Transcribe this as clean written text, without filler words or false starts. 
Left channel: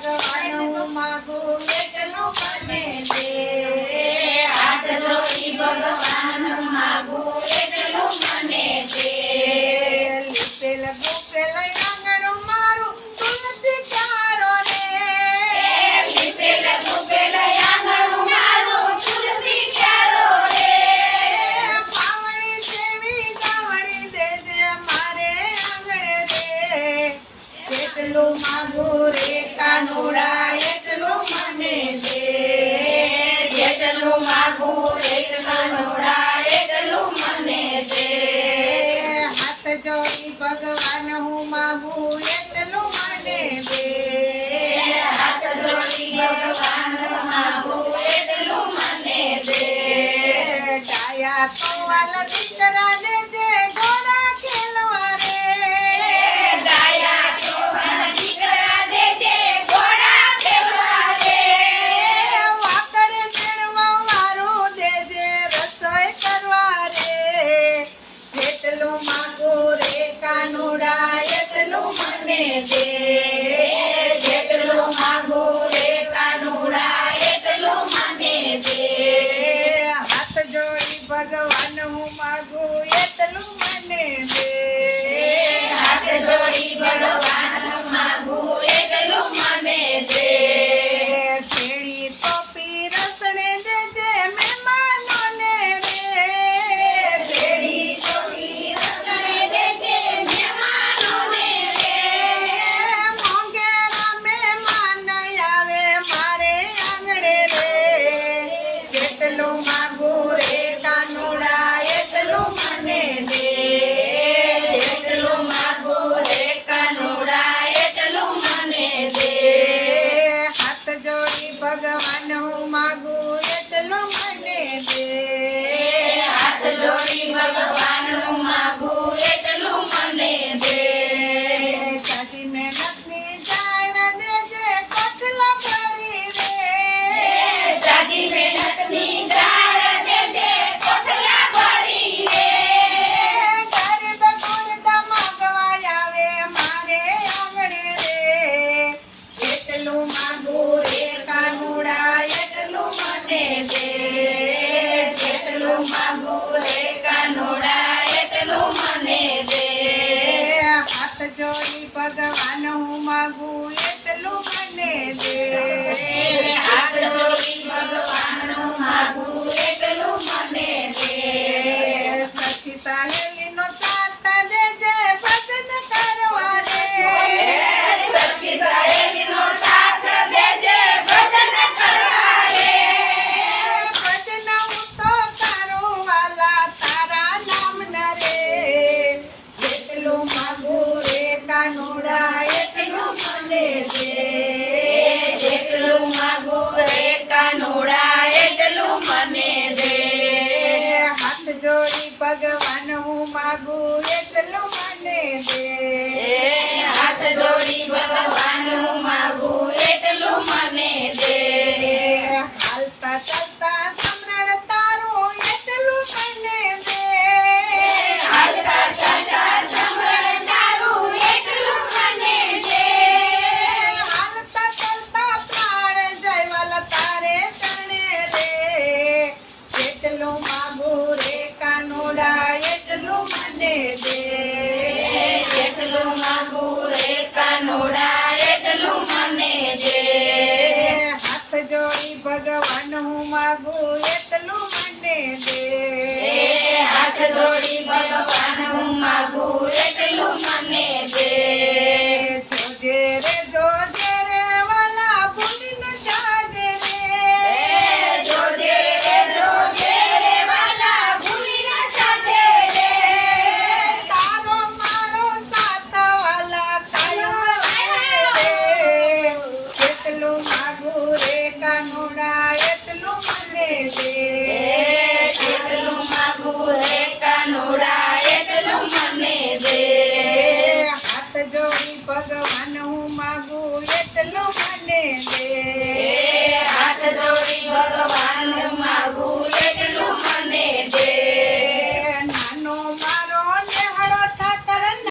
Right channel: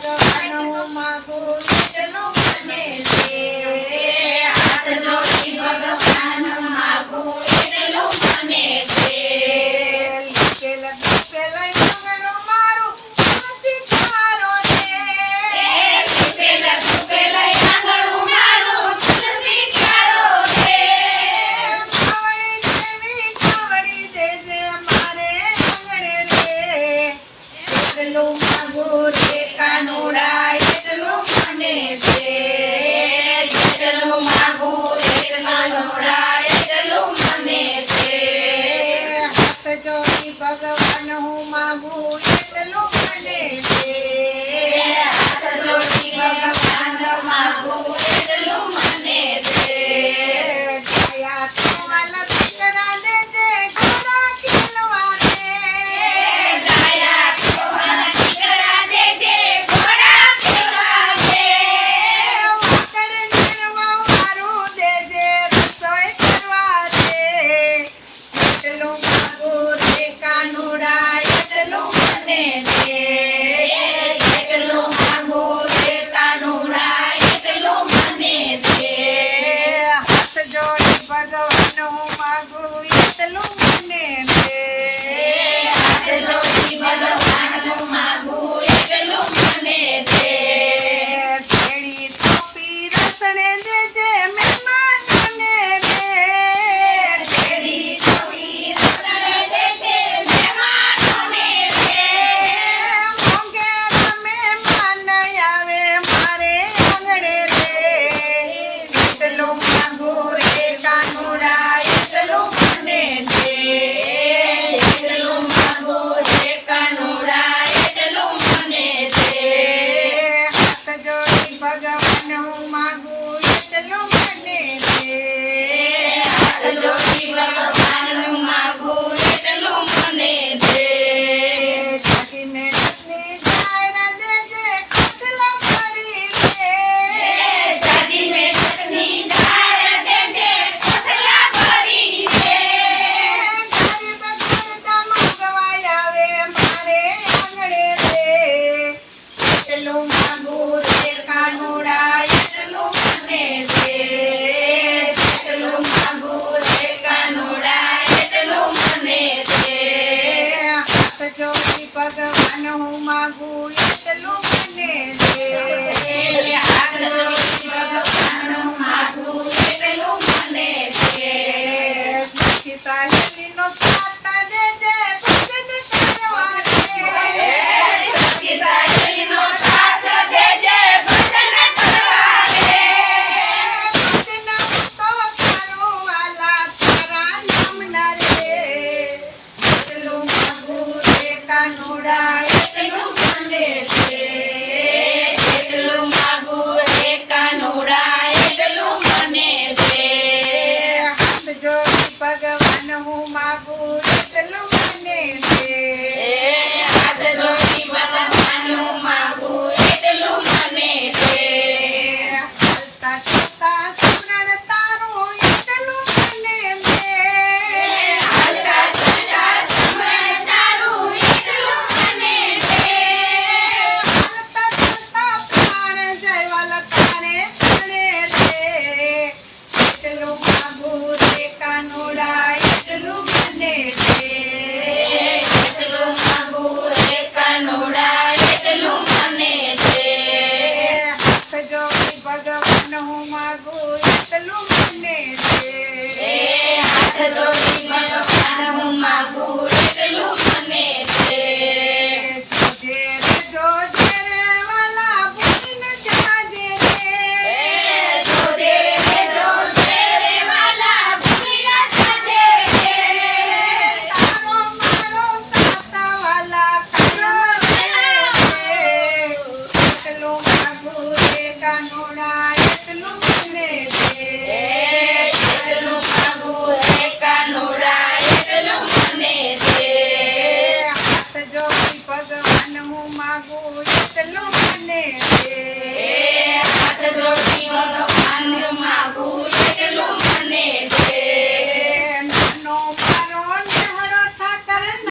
ભગવાન હું માગું એટલું મને દે. હાથ જોડી ભગવાન માગું એટલું મને દે. લીપેલ લીપેલ આંગણું મારું તુલસીચારો રે. લીપેલ લીપેલ આંગણું મારું તુલસીચારો રે. સાવણી દેવી સાવણી દેજે મારે આંગણે રે. એટલું માગું રે કાનુડા એટલું મને દે. જેટલું માગું એટલા નોડા એટલું મને દે. હાથ જોડી ભગવાન હું માગું એટલું મને દે. હાથ જોડી ભગવાન માગું એટલું મને દે. ગાયા કુંવલ દીકરા દેજે ઘોડા ખેલવા રે. ગાયા કુંવર દીકરા દેજે ઘોડા ખેલવા રે. વાકડ ઝીણવા વારું દેજે રસોઈ કરવા રે. એટલું માગું રે કાનુડા એટલું મને દે. જેટલું માગું રે કાનુડા એટલું મને દે. હાથ જોડી ભગવાન હું માગું એટલું મને દે. હાથ જોડી ભગવાન માગું એટલું મને દે. ઘેડી ટોપી રસણે દેજે મહેમાનોને રે. ઘેડી ટોપી રસણે દેજે મહેમાનોને રે. મોંઘેરા મહેમાન આવે મારે આંગણે રે. એટલું માગું રે કાનુડા એટલું મને દે. જેટલું માગું રે કાનુડા એટલું મને દે. હાથ જોડી ભગવાન હું માગું એટલું મને દે. હાથ જોડી ભગવાન માગું એટલું મને દે. સાચી મહેનતની જાણ દેજે ખોટલા ભરી રે. સાજી મહેનતની ધાર દેજે કોઠલા ભરી રે. ગરીબ ગુણતા માંગવા આવે મારે આંગણે રે. એટલું માગું રે કાનુડા એટલું મને દે. જેટલું માગું રે કાનુડા એટલું મને દે. હાથ જોડી ભગવાન હું માગું એટલું મને દે. હાથ જોડી ભગવાન માગું એટલું મને દે. સખી સહેલીનો સાથ દેજે ભજન કરવા રે. સખી સહેલીનો સાથ દેજે ભજન કરવા રે. ભજન તો કરું વાલા તારા નામના રે. એટલું માગું રે કાનુડા એટલું મને દે. જેટલું માગું રે કાનુડા એટલું મને દે. હાથ જોડી ભગવાન હું માગું એટલું મને દે. હાથ જોડી ભગવાન માગું એટલું મને દે. હાલતા ચાલતા સમરણ તારું એટલું મને દે. હાલતા ચાલતા સમરણ તારું એટલું મને દે. હાલતા ચાલતા પ્રાણ જયવાલ તારે તને રે. એટલું માગું રે કાનુડા એટલું મને દે. જેટલું માગું રે કાનુડા એટલું મને દે. હાથ જોડી ભગવાન હું માગું એટલું મને દે. હાથ જોડી ભગવાન માગું એટલું મને દે. જોજે રે વાલા ભૂલી ન જાજે રે. જોજે રે વાલા ભૂલી ન જાજે રે. તારો મારો સાથ વાલા કાનો રે. એટલું માગું રે કાનુડા